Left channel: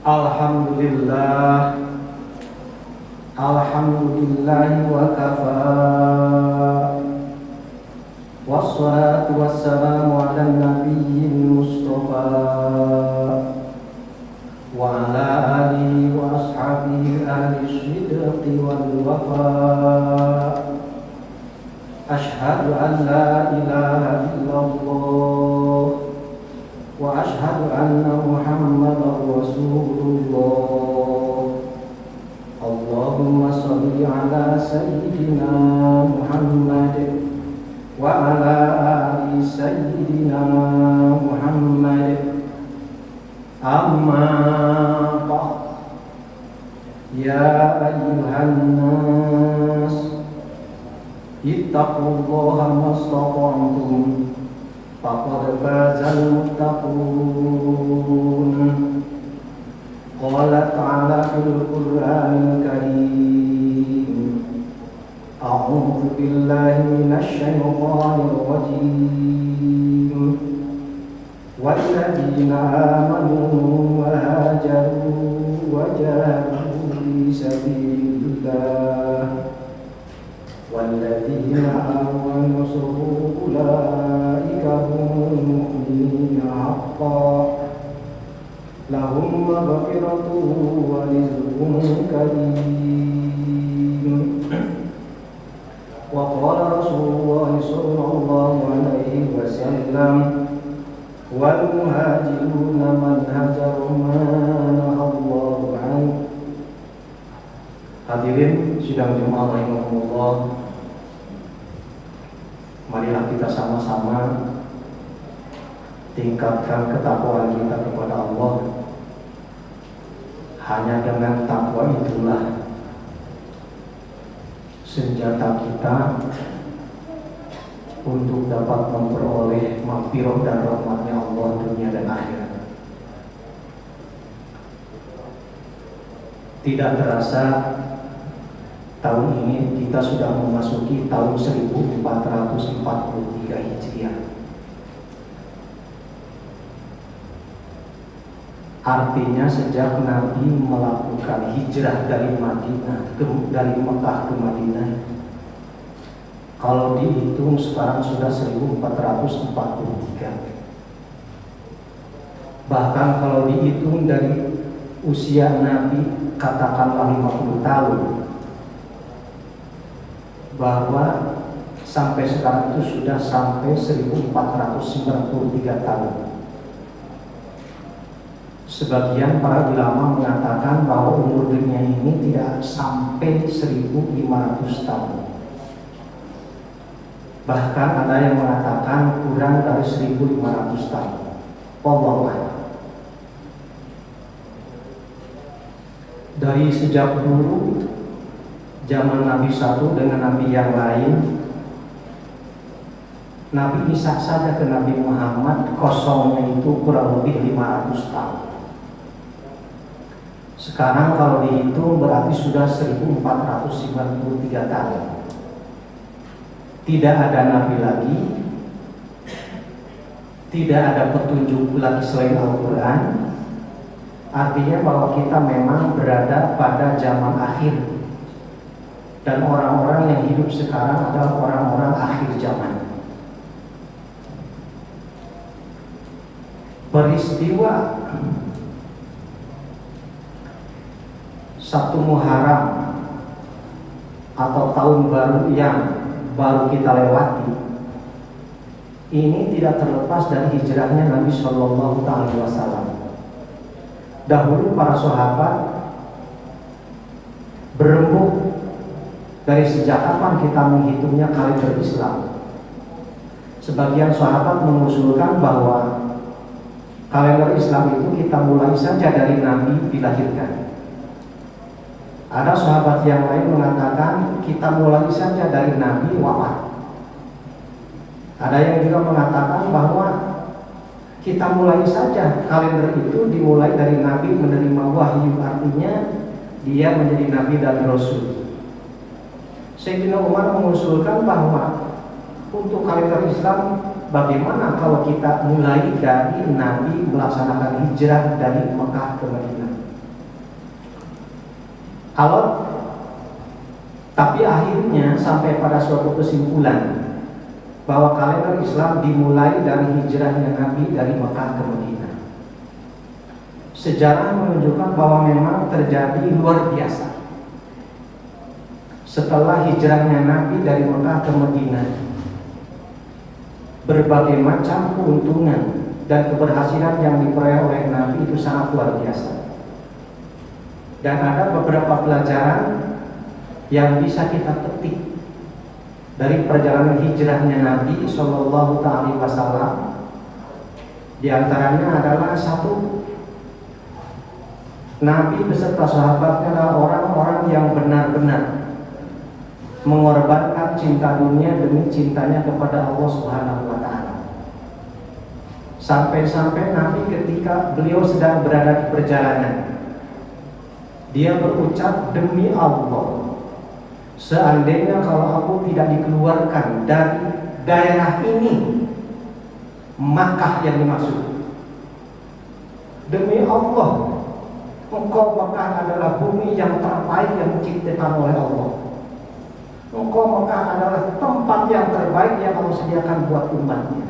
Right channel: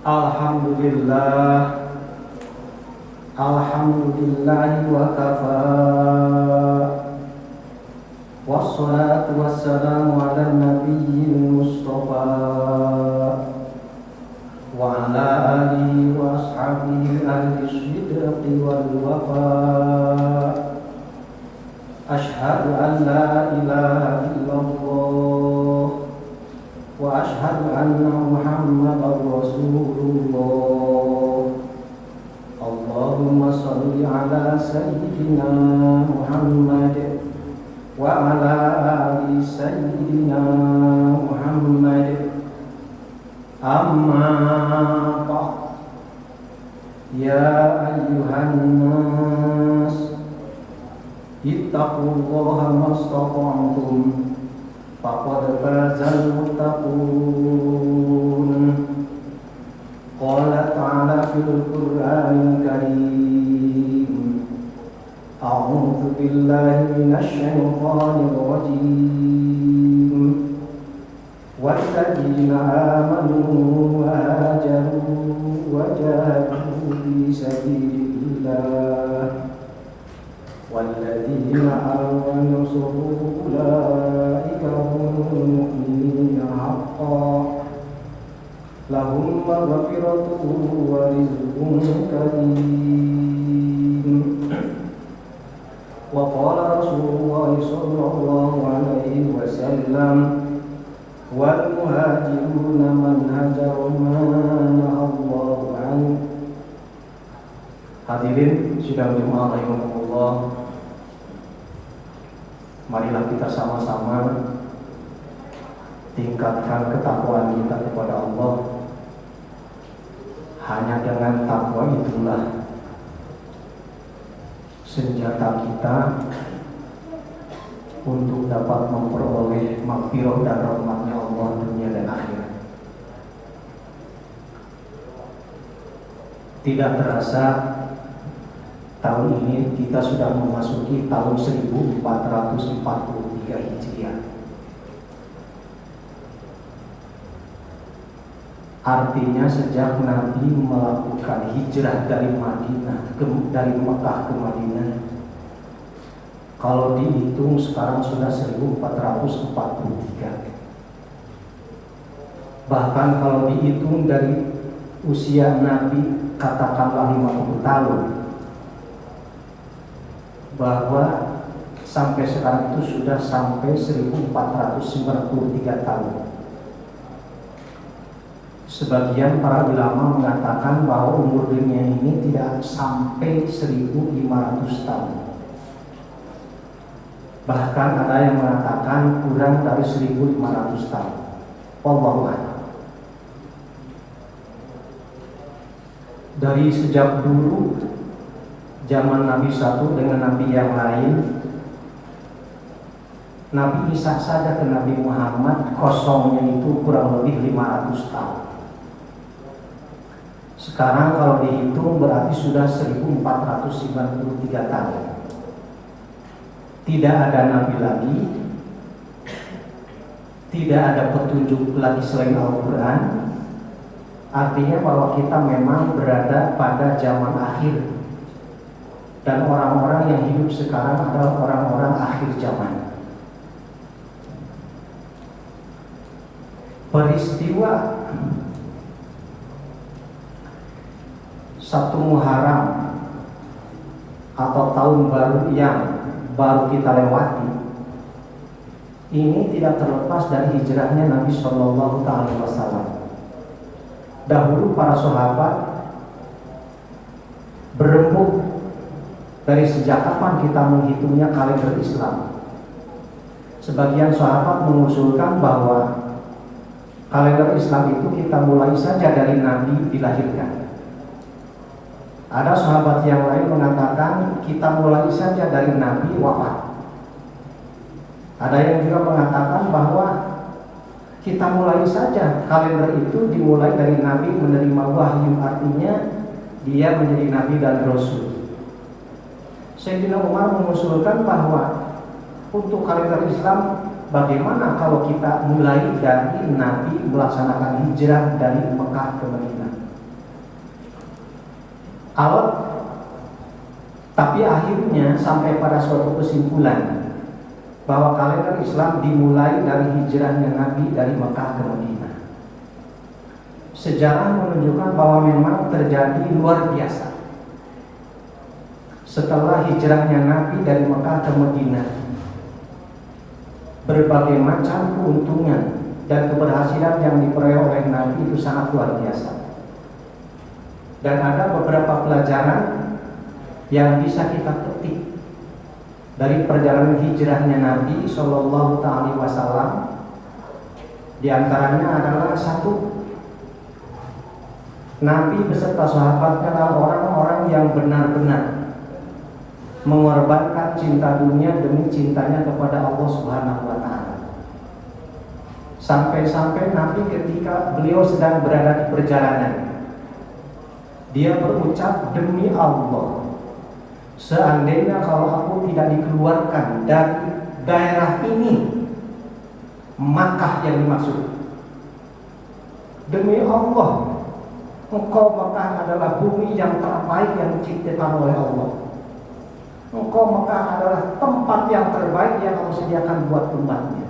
Alhamdulillah, alhamdulillah wa kafa. Wassalatu wassalamu ala nabiyil mustafa wa ala alihi wa ashabihi ahli sidqi wal wafa. Ashhadu an la ilaha illallah wa ashhadu anna Muhammadar Rasulullah. Allahumma shalli ala sayyidina Muhammad wa ala ali sayyidina Muhammad. Amma ba'd. Ya ayyuhan nas, ittaqullaha mastata'tum. Faqad fazal muttaqun. Qala ta'ala fil Qur'anil Karim. A'udzu billahi minasy syaithanir rajim. Walladzina amanu wa hajaru wa jahadu fi sabilillah walladzina amanu ulaika humul mu'minuna haqqan lahum maghfiratun wa rizqun karim. Wa qala Rasulullah sallallahu alaihi wasallam wal muhajiruna man hajaru ma nahallahu anhu. Hadirin sidang Jumat rahimahumullah, marilah kita sama-sama tingkatkan ketakwaan kita kepada Allah. Hanya dengan takwa itulah senjata kita untuk dapat memperoleh maghfirah dan rahmatnya Allah dunia dan akhirat. Tidak terasa tahun ini kita sudah memasuki tahun 1443 Hijriah. Artinya sejak Nabi melakukan hijrah dari Mekah ke Madinah, kalau dihitung sekarang sudah 1443. Bahkan kalau dihitung dari usia Nabi katakanlah 50 tahun, bahwa sampai sekarang itu sudah sampai 1493 tahun. Sebagian para ulama mengatakan bahwa umur dunia ini tidak sampai 1500 tahun. Bahkan ada yang mengatakan kurang dari 1500 tahun. Wallahu a'lam. Dari sejak dulu zaman Nabi satu dengan Nabi yang lain, Nabi Isa saja ke Nabi Muhammad kosongnya itu kurang lebih 500 tahun. Sekarang kalau dihitung berarti sudah 1493 tahun. Tidak ada Nabi lagi, tidak ada petunjuk lagi selain Al-Quran. Artinya bahwa kita memang berada pada zaman akhir. Dan orang-orang yang hidup sekarang adalah orang-orang akhir zaman. Peristiwa 1 Muharram atau tahun baru yang baru kita lewati ini tidak terlepas dari hijrahnya Nabi Shallallahu Alaihi Wasallam. Dahulu para sahabat berembuk dari sejak kapan kita menghitungnya kalender Islam. Sebagian sahabat mengusulkan bahwa kalender Islam itu kita mulai saja dari Nabi dilahirkan. Ada sahabat yang lain mengatakan kita mulai saja dari Nabi wafat. Ada yang juga mengatakan bahwa kita mulai saja kalender itu dimulai dari Nabi menerima wahyu, artinya dia menjadi Nabi dan Rasul. Sayyidina Umar mengusulkan bahwa untuk kalender Islam, bagaimana kalau kita mulai dari Nabi melaksanakan hijrah dari Mekah ke Madinah? alot, tapi akhirnya sampai pada suatu kesimpulan bahwa kalender Islam dimulai dari hijrahnya Nabi dari Mekah ke Madinah. Sejarah menunjukkan bahwa memang terjadi luar biasa. Setelah hijrahnya Nabi dari Mekah ke Madinah, berbagai macam keuntungan dan keberhasilan yang diperoleh oleh Nabi itu sangat luar biasa. Dan ada beberapa pelajaran yang bisa kita petik dari perjalanan hijrahnya Nabi Shallallahu Alaihi Wasallam. Di antaranya adalah satu, Nabi beserta sahabatnya adalah orang-orang yang benar-benar mengorbankan cinta dunia demi cintanya kepada Allah Subhanahu wa Ta'ala. Sampai-sampai Nabi ketika beliau sedang berada di perjalanan, dia berucap, demi Allah, seandainya kalau aku tidak dikeluarkan dari daerah ini, Makkah yang dimaksud, demi Allah, engkau Makkah adalah bumi yang terbaik yang diciptakan oleh Allah. Engkau Makkah adalah tempat yang terbaik yang Allah sediakan buat umatnya.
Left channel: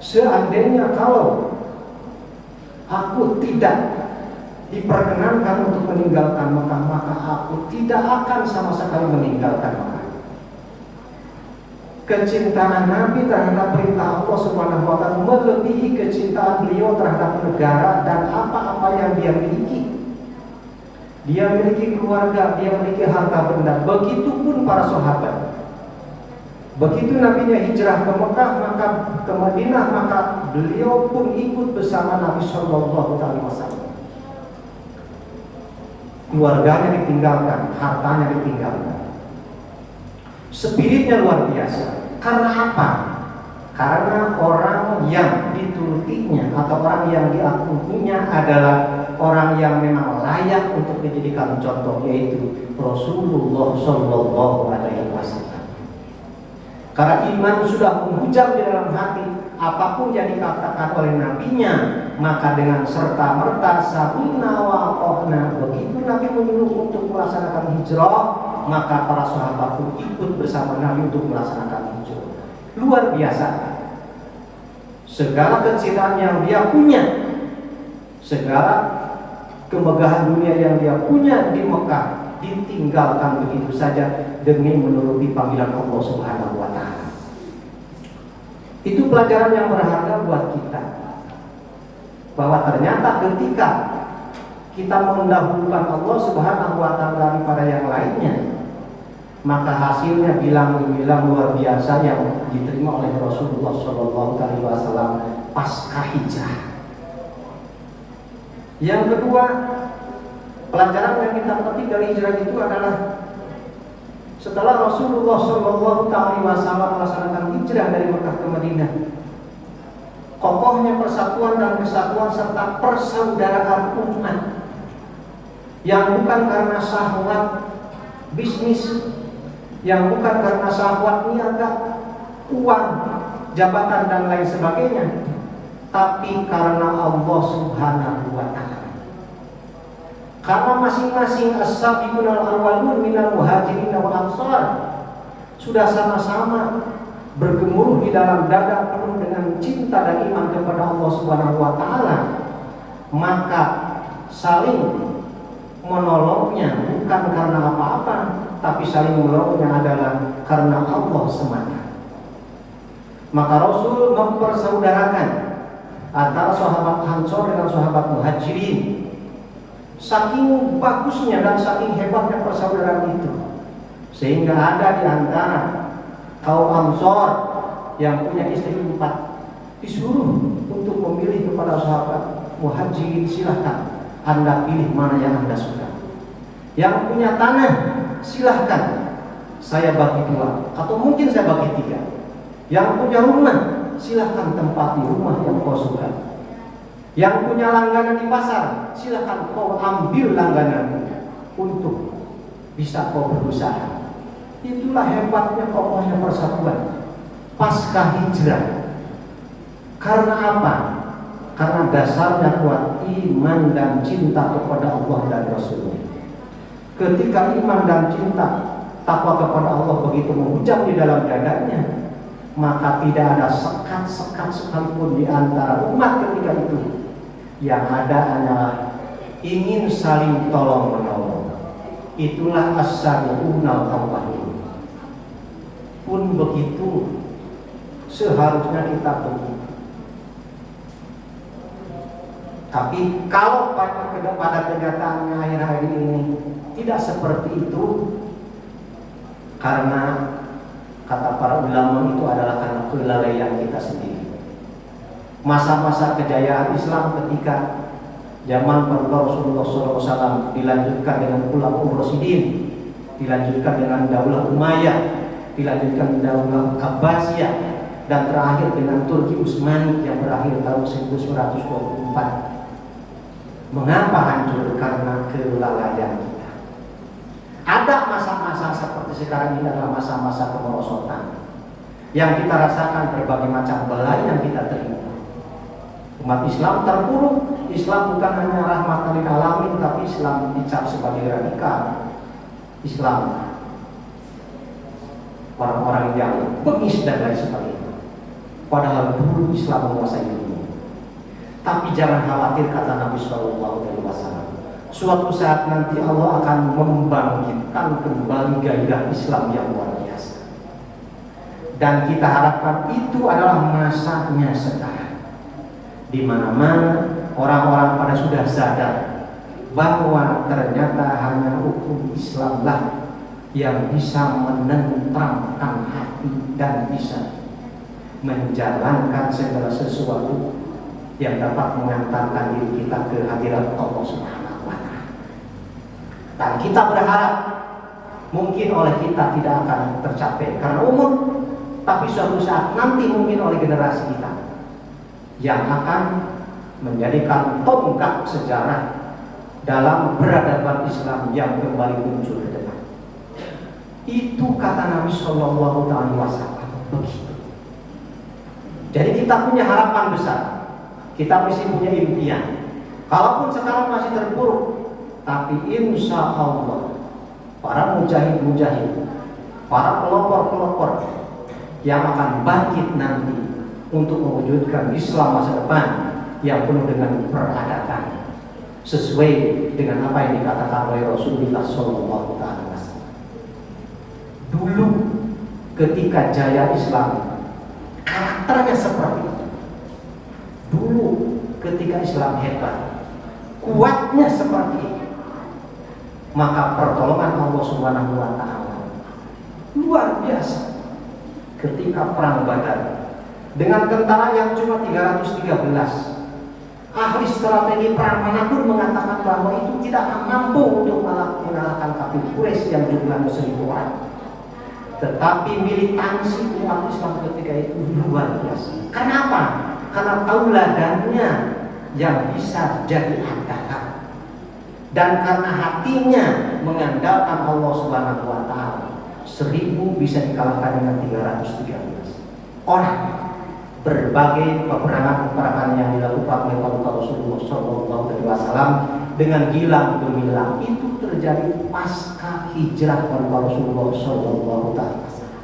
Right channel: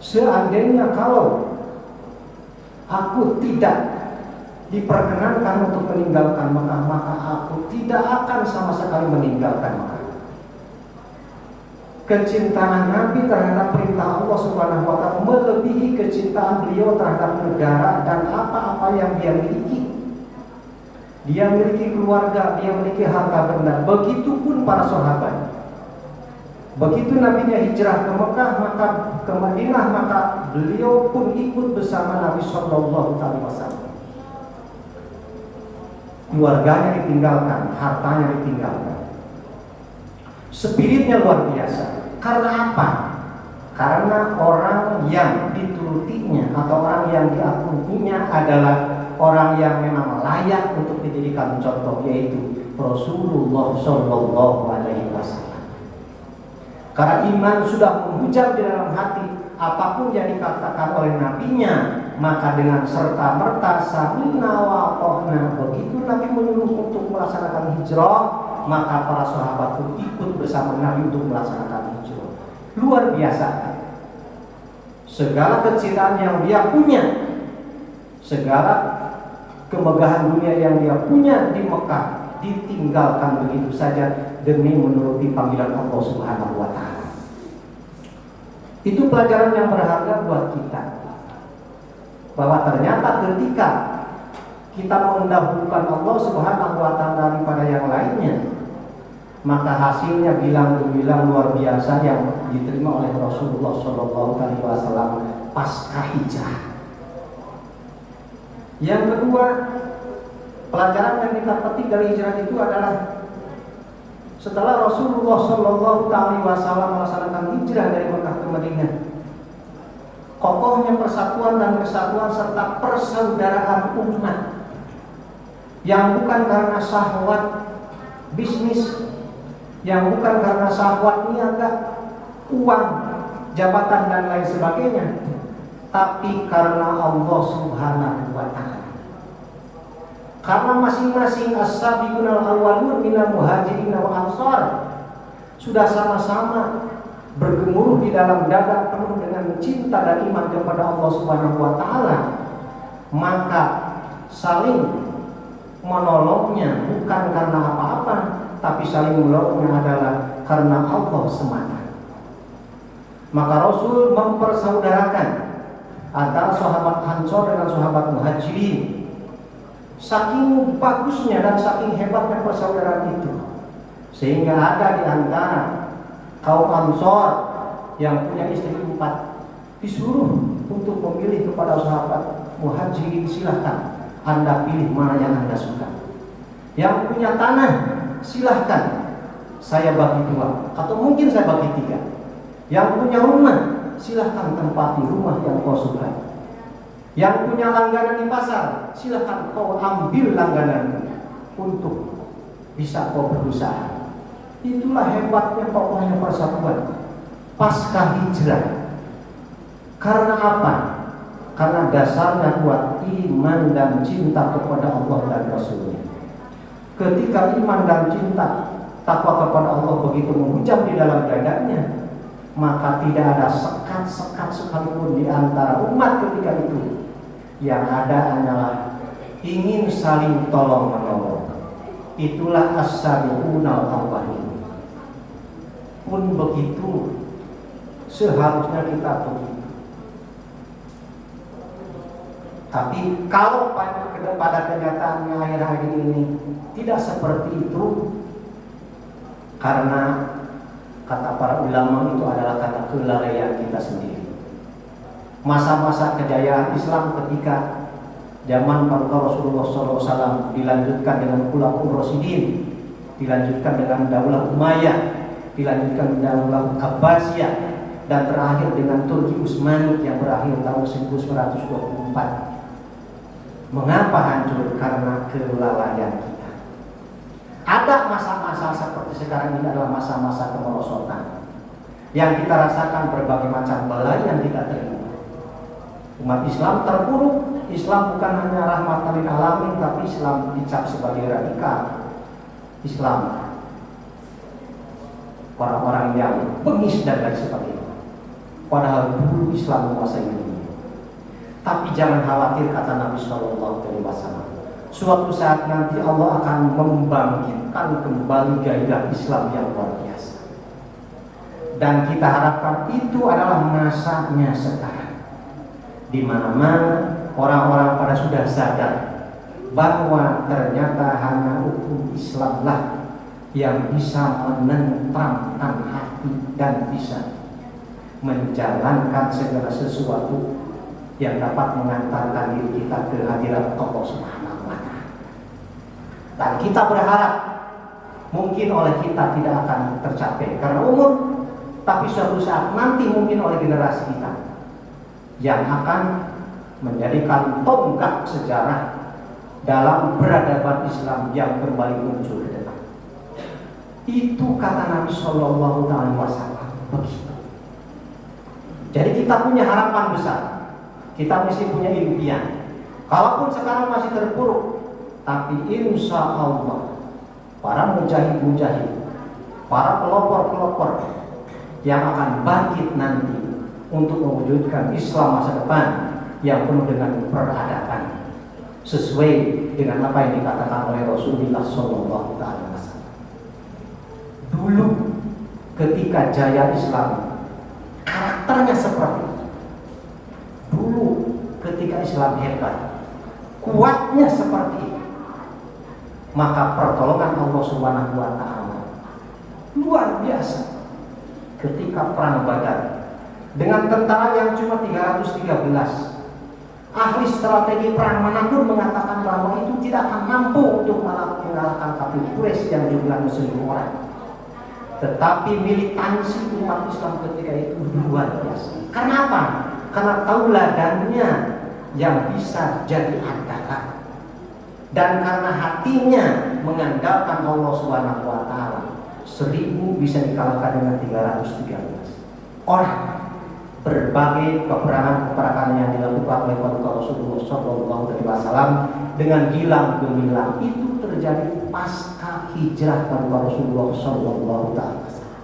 Seandainya kalau aku tidak diperkenankan untuk meninggalkan Makkah, maka aku tidak akan sama sekali meninggalkan Makkah. Kecintaan Nabi terhadap perintah Allah Subhanahu wa Ta'ala melebihi kecintaan beliau terhadap negara dan apa-apa yang dia miliki. Dia memiliki keluarga, dia memiliki harta benda. Begitupun para sahabat. Begitu Nabinya hijrah ke Mekah, maka ke Madinah, maka beliau pun ikut bersama Nabi Shallallahu Alaihi Wasallam. Keluarganya ditinggalkan, hartanya ditinggalkan. Spiritnya luar biasa. Karena apa? Karena orang yang diturutinya atau orang yang diakuinya adalah orang yang memang layak untuk dijadikan contoh, yaitu Rasulullah Shallallahu Alaihi Wasallam. Karena iman sudah menghujam di dalam hati, apapun yang dikatakan oleh nabinya, maka dengan serta merta samina wa ata'na. Begitu Nabi menyuruh untuk melaksanakan hijrah, maka para sahabat pun ikut bersama Nabi untuk melaksanakan hijrah. Luar biasa. Segala kecintaan yang dia punya, segala kemegahan dunia yang dia punya di Mekah ditinggalkan begitu saja demi menuruti panggilan Allah Subhanahu wa Ta'ala. Itu pelajaran yang berharga buat kita, bahwa ternyata ketika kita mendahulukan Allah Subhanahu wa Ta'ala daripada yang lainnya, maka hasilnya bilang luar biasa yang diterima oleh Rasulullah Shallallahu Alaihi Wasallam pasca hijrah. Yang kedua, pelajaran yang kita petik dari hijrah itu adalah setelah Rasulullah Shallallahu Alaihi Wasallam melaksanakan hijrah dari Mekah ke Madinah, kokohnya persatuan dan kesatuan serta persaudaraan umat yang bukan karena syahwat bisnis, yang bukan karena syahwat niaga, uang, jabatan dan lain sebagainya, tapi karena Allah Subhanahu wa Ta'ala. Karena masing-masing as-sabiqun al-awwalun minal muhajirin wal ansar sudah sama-sama bergemuruh di dalam dada penuh dengan cinta dan iman kepada Allah Subhanahu wa Ta'ala, maka saling menolongnya bukan karena apa-apa, tapi saling menolongnya adalah karena Allah semata. Maka Rasul mempersaudarakan antara sahabat Ansor dengan sahabat Muhajirin. Saking bagusnya dan saking hebatnya persaudaraan itu, sehingga ada di antara kaum Ansor yang punya istri 4 disuruh untuk memilih kepada sahabat Muhajirin, silahkan Anda pilih mana yang Anda suka. Yang punya tanah, silahkan saya bagi 2, atau mungkin saya bagi 3. Yang punya rumah, silahkan tempati rumah yang kau suka. Yang punya langganan di pasar, silahkan kau ambil langgananmu untuk bisa kau berusaha. Itulah hebatnya kokohnya persatuan pasca hijrah. Karena apa? Karena dasarnya kuat iman dan cinta kepada Allah dan Rasulnya. Ketika iman dan cinta takwa kepada Allah begitu menghujam di dalam dadanya, maka tidak ada sekat-sekat sekalipun di antara umat ketika itu. Yang ada hanyalah ingin saling tolong menolong. Itulah as-sabiqunal awwalun. Pun begitu seharusnya kita begitu. Tapi kalau pada kenyataannya akhir-akhir ini tidak seperti itu, karena kata para ulama itu adalah karena kelalaian kita sendiri. Masa-masa kejayaan Islam ketika zaman Paduka Rasulullah SAW dilanjutkan dengan Khulafaur Rasyidin, dilanjutkan dengan Daulah Umayyah, dilanjutkan Daulah Abbasiyah, dan terakhir dengan Turki Utsmani yang berakhir tahun 1924. Mengapa hancur? Karena kelalaian kita. Ada masa-masa seperti sekarang ini adalah masa-masa kemerosotan yang kita rasakan, berbagai macam bala yang kita terima. Umat Islam terpuruk. Islam bukan hanya rahmatan lil alamin, tapi Islam dicap sebagai radikal. Islam orang-orang yang bengis dan lain sebagainya. Padahal dulu Islam menguasai dunia. Tapi jangan khawatir, kata Nabi Shallallahu Alaihi Wasallam, suatu saat nanti Allah akan membangkitkan kembali gairah Islam yang luar biasa. Dan kita harapkan itu adalah masanya sekarang, di mana-mana orang-orang pada sudah sadar bahwa ternyata hanya hukum Islamlah yang bisa menenteramkan hati dan bisa menjalankan segala sesuatu yang dapat mengantarkan diri kita ke hadirat Allah Subhanahu wa Ta'ala. Dan kita berharap mungkin oleh kita tidak akan tercapai karena umur, tapi suatu saat nanti mungkin oleh generasi kita yang akan menjadikan tonggak sejarah dalam peradaban Islam yang kembali muncul ke depan. Itu kata Nabi Shallallahu Alaihi Wasallam begitu. Jadi kita punya harapan besar, kita mesti punya impian. Kalaupun sekarang masih terpuruk, tapi insya Allah para mujahid-mujahid, para pelopor-pelopor yang akan bangkit nanti untuk mewujudkan Islam masa depan yang penuh dengan peradaban, sesuai dengan apa yang dikatakan oleh Rasulullah Sallallahu Alaihi Wasallam. Dulu ketika jaya Islam, karakternya seperti itu. Dulu ketika Islam hebat, kuatnya seperti itu, maka pertolongan Allah Subhanahu wa Ta'ala luar biasa. Ketika perang Badar dengan tentara yang cuma 313, ahli strategi perang manapun mengatakan bahwa itu tidak akan mampu untuk mengalahkan kafir Quraisy yang jumlahnya 1000 orang. Tetapi militansi umat Islam ketika itu luar biasa. Karena apa? Karena tauladannya yang bisa jadi andalan, dan karena hatinya mengandalkan Allah Subhanahu wa Ta'ala. 1000 bisa dikalahkan dengan 313 orang. Berbagai peperangan yang dilakukan oleh Paduka Rasulullah Sallallahu Alaihi Wasallam dengan gilang gemilang itu terjadi pasca hijrah Paduka Rasulullah Sallallahu Alaihi Wasallam.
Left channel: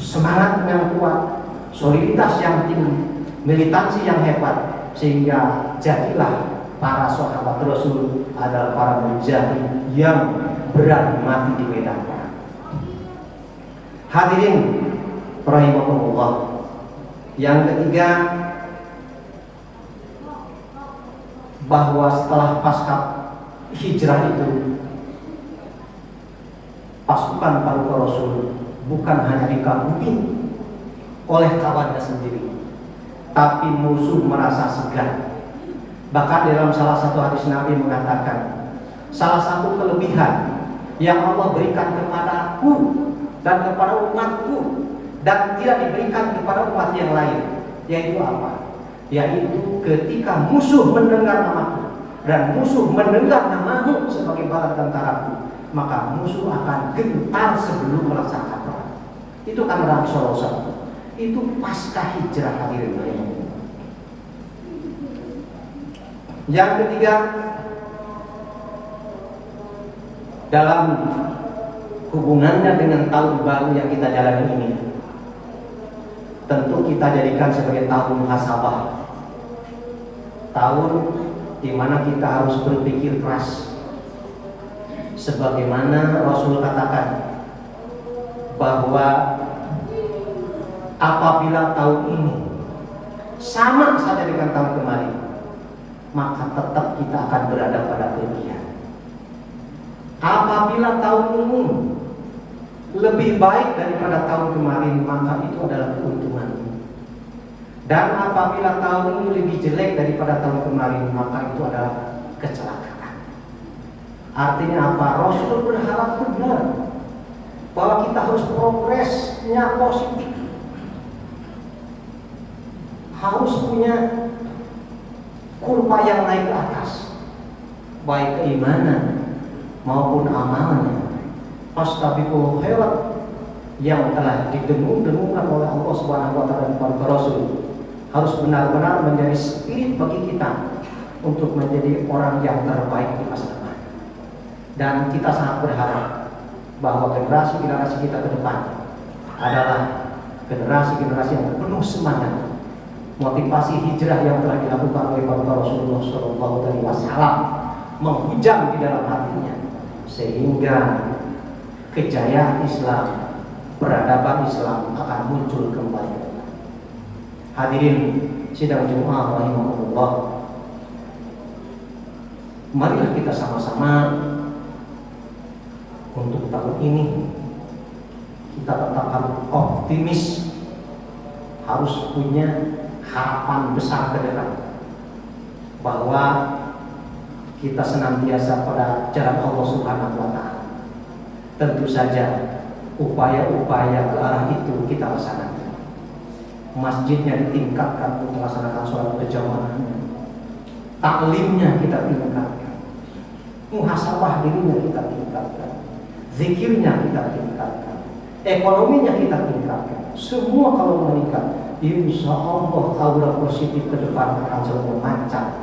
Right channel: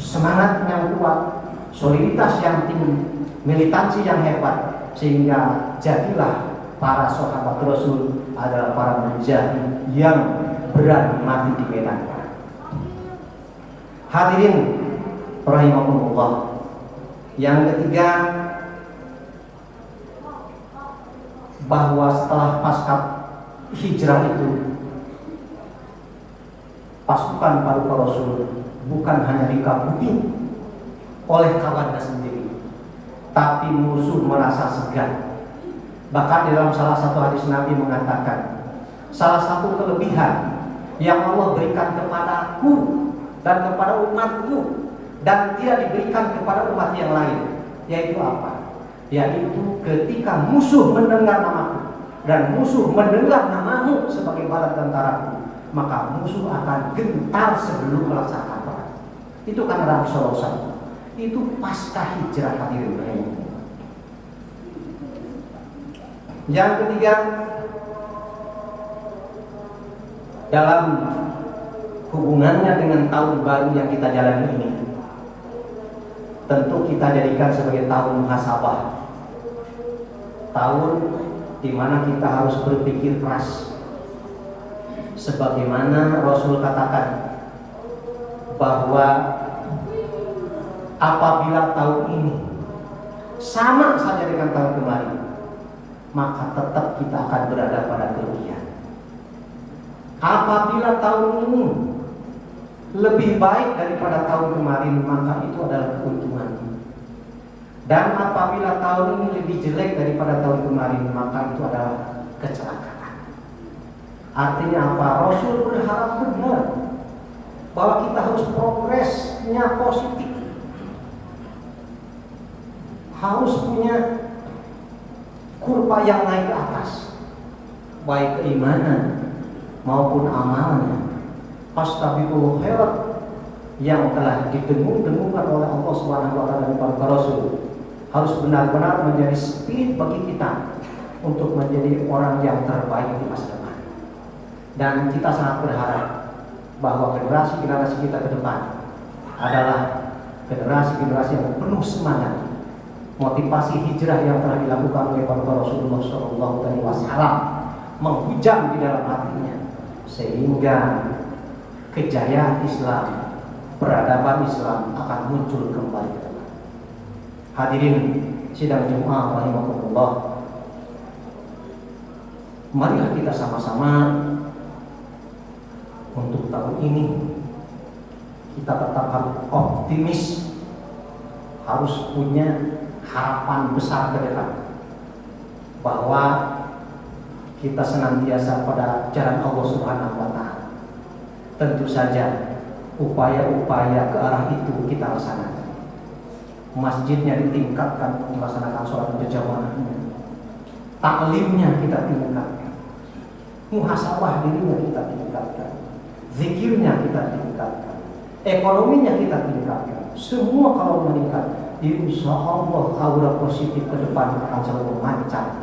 Semangat yang kuat, soliditas yang tinggi, militansi yang hebat, sehingga jadilah para sahabat Rasul adalah para mujahid yang berani mati di medan perang. Hadirin rahimakumullah. Yang ketiga, bahwa setelah pasca hijrah itu, pasukan Paduka Rasul bukan hanya dikagumi oleh kawannya sendiri, tapi musuh merasa segan. Bahkan dalam salah satu hadis Nabi mengatakan, salah satu kelebihan yang Allah berikan kepadaku dan kepada umatku dan tidak diberikan kepada umat yang lain, yaitu apa? Yaitu ketika musuh mendengar namaku dan musuh mendengar namamu sebagai bala tentaraku, maka musuh akan gentar sebelum melaksanakan perang. Itu kan Nabi Sallallahu Alaihi Wasallam. Itu pasca hijrah, hadirin sekalian. Yang ketiga, dalam hubungannya dengan tahun baru yang kita jalani ini, tentu kita jadikan sebagai tahun muhasabah, tahun di mana kita harus berpikir keras. Sebagaimana Rasul katakan bahwa apabila tahun ini sama saja dengan tahun kemarin, maka tetap kita akan berada pada kerugian. Apabila tahun ini lebih baik daripada tahun kemarin, maka itu adalah keuntungan. Dan apabila tahun ini lebih jelek daripada tahun kemarin, maka itu adalah kecelakaan. Artinya apa? Rasul berharap benar bahwa kita harus progresnya positif, harus punya kurva yang naik ke atas, baik keimanan maupun amalannya. Fastabiqul khairat yang telah didengung-dengungkan oleh Allah Subhanahu wa taala dan para rasul harus benar-benar menjadi spirit bagi kita untuk menjadi orang yang terbaik di masa depan. Dan kita sangat berharap bahwa generasi-generasi kita ke depan adalah generasi-generasi yang penuh semangat. Motivasi hijrah yang telah dilakukan oleh para Rasulullah SAW menghujam di dalam hatinya, sehingga kejayaan Islam, peradaban Islam akan muncul kembali ke depan. Hadirin sidang Jumat rahimakumullah, marilah kita sama-sama untuk tahun ini kita tetap harus optimis, harus punya harapan besar ke depan bahwa kita senantiasa pada jalan Allah Subhanahu wa taala. Tentu saja upaya-upaya ke arah itu kita laksanakan. Masjidnya ditingkatkan untuk melaksanakan sholat berjamaahnya, taklimnya kita tingkatkan, muhasabah dirinya kita tingkatkan, zikirnya kita tingkatkan, ekonominya kita tingkatkan. Semua kalau meningkat, insya Allah aura positif ke depan akan selalu memancar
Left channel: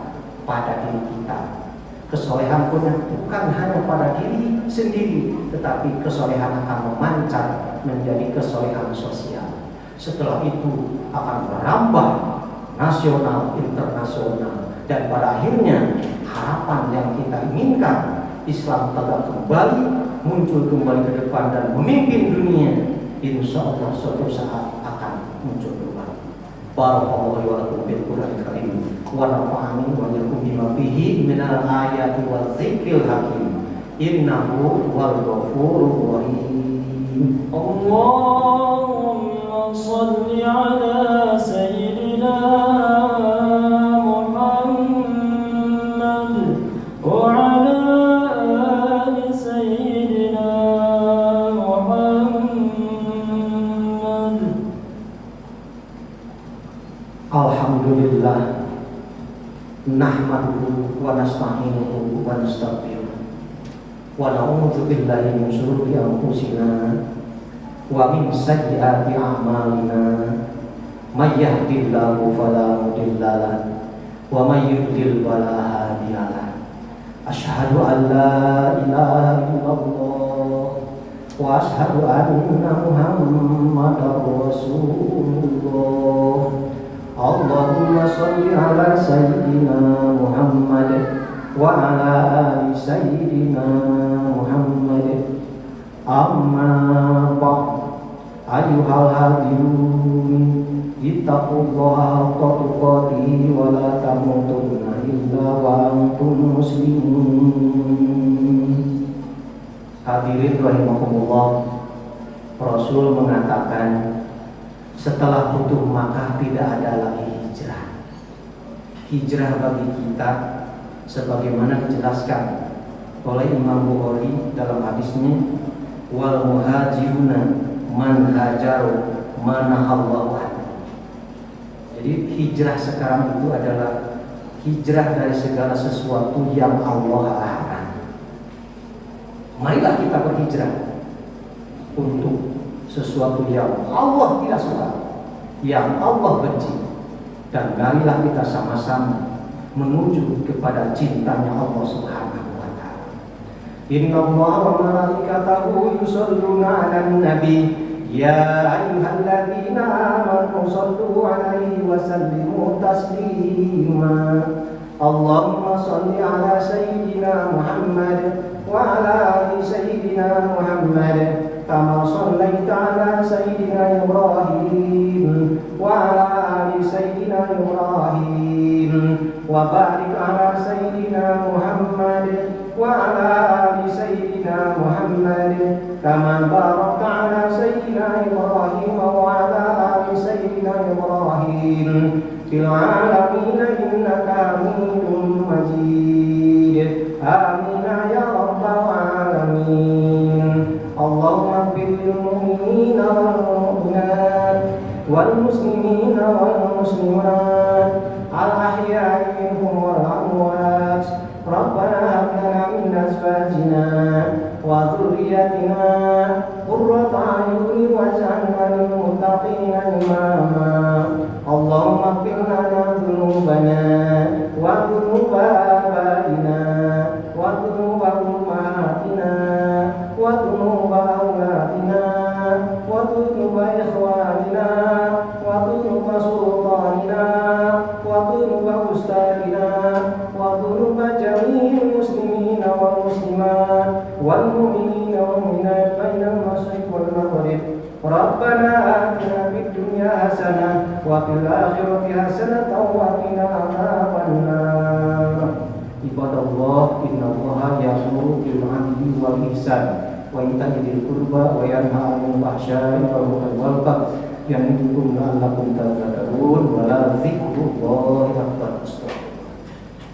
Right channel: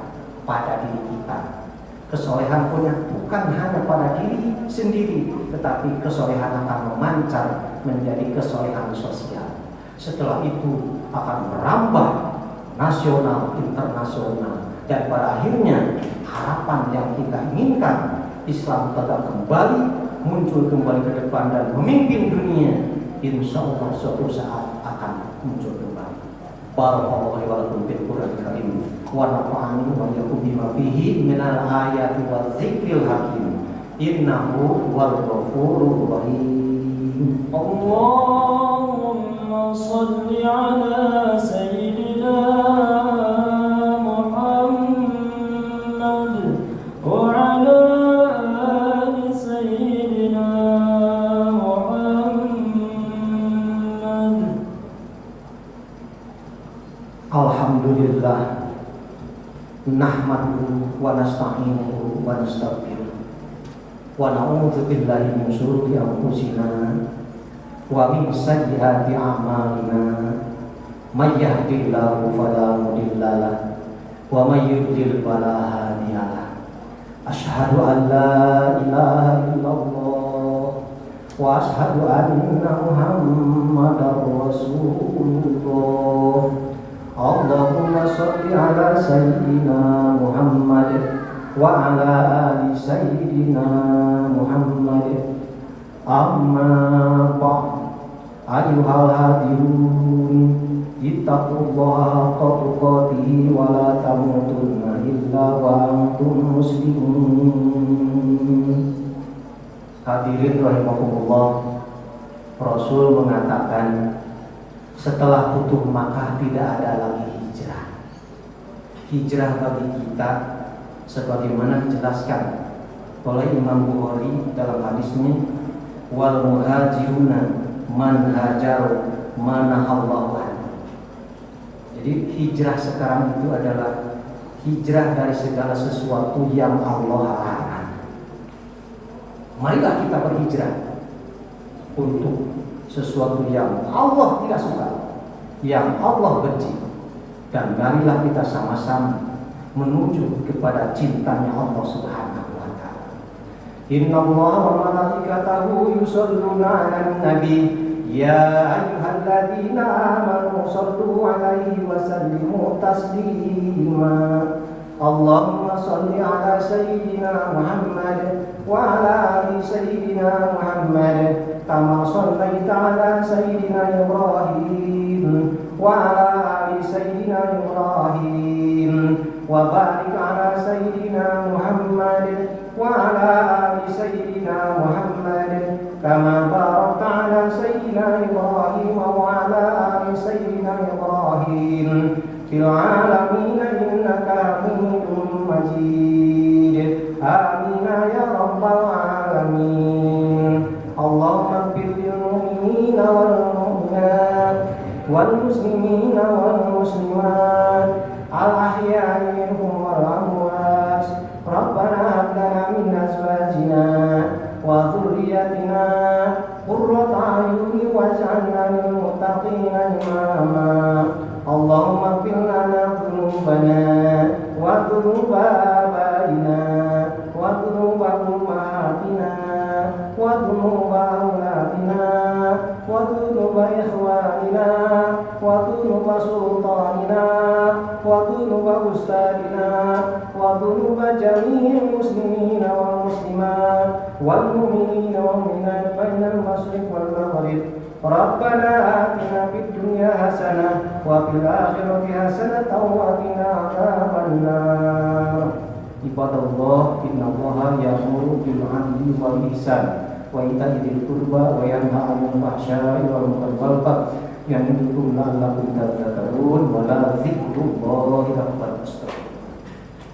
pada diri kita. Kesolehan punya bukan hanya pada diri sendiri, tetapi kesolehan akan memancar menjadi kesolehan sosial. Setelah itu akan merambah nasional, internasional, dan pada akhirnya harapan yang kita inginkan, Islam tegak kembali, muncul kembali ke depan dan memimpin dunia, insya Allah suatu saat akan muncul kembali. Barakallahu wa lakum bil Qur'anil Karim wa nafa'ani wa iyyakum bima fihi minal ayati wa dzikril hakim. Innahu huwal ghafurur rahim. Allahumma shalli ala sayyidina Muhammad wa ala ali sayyidina Muhammad. Alhamdulillah, nahmaduhu wa nasta'inuhu wa nastaghfiruh wa na'udzu billahi min shururi anfusina wa min sayyiati a'malina. May yahdihillahu fala mudilla lahu wa may yudlil fala hadiya lahu. Asyhadu an la ilaha illallah wa asyhadu anna Muhammadar Rasulullah. Allahumma sholli ala sayyidina Muhammad wa ala ali sayyidina Muhammad. Amma ba'd, ayyuhal hadirun, ittaqullaha haqqa tuqatih wa la tamutunna illa wa antum muslimun. Hadirin rahimakumullah, Rasul mengatakan setelah Futuh Makkah tidak ada lagi hijrah. Hijrah bagi kita sebagaimana dijelaskan oleh Imam Bukhari dalam hadisnya, wal muhajiruna man hajaru manahallahu anhu. Jadi hijrah sekarang itu adalah hijrah dari segala sesuatu yang Allah larang. Marilah kita berhijrah untuk sesuatu yang Allah tidak suka, yang Allah benci, dan marilah kita sama-sama menuju kepada cintanya Allah Subhanahu wa taala. Innallaha wa malaikatahu yusholluna 'alan nabi ya ayyuhalladzina amanu shallu 'alaihi wa sallimu taslima. Allahumma shalli 'ala sayyidina Muhammad wa 'ala ali sayyidina Muhammad kama shallaita 'ala sayyidina Ibrahim wa 'ala ali sayyidina Ibrahim wa barik 'ala sayyidina Muhammad wa 'ala ali sayyidina Muhammad kama barakta 'ala sayyidina Ibrahim wa 'ala ali sayyidina Ibrahim fil 'alamin innaka Hamidum Majid. Amin ya rabbal alamin. Allahumma ighfir lil mu'minina wal mu'minat wal muslimina wal muslimat al ahya'i minhum wal amwat. Rabbana hab lana min azwajina wa dhurriyyatina qurrata a'yunin waj'alna lil muttaqina imama. Allahumma ighfir lana dhunubana wa dhunuba abaina wa dhunuba ummahatina wa dhunuba awladina wa dhunuba ikhwanina wa dhunuba sultanina wa dhunuba ustadina wa dhunuba jami'il muslimina wal muslimat wal mu'minina wal mu'minat bainal masyriq wal maghrib. Rabbana atina fid dunya hasanah wa fil akhirati hasanah wa qina adzabannar. Ibadallah, innallaha ya'muru bil 'adli wal ihsan wa ita'i dzil qurba wa yanha 'anil fahsya'i wal munkari wal baghi ya'idukum la'allakum tadhakkarun wa la dzikrullahi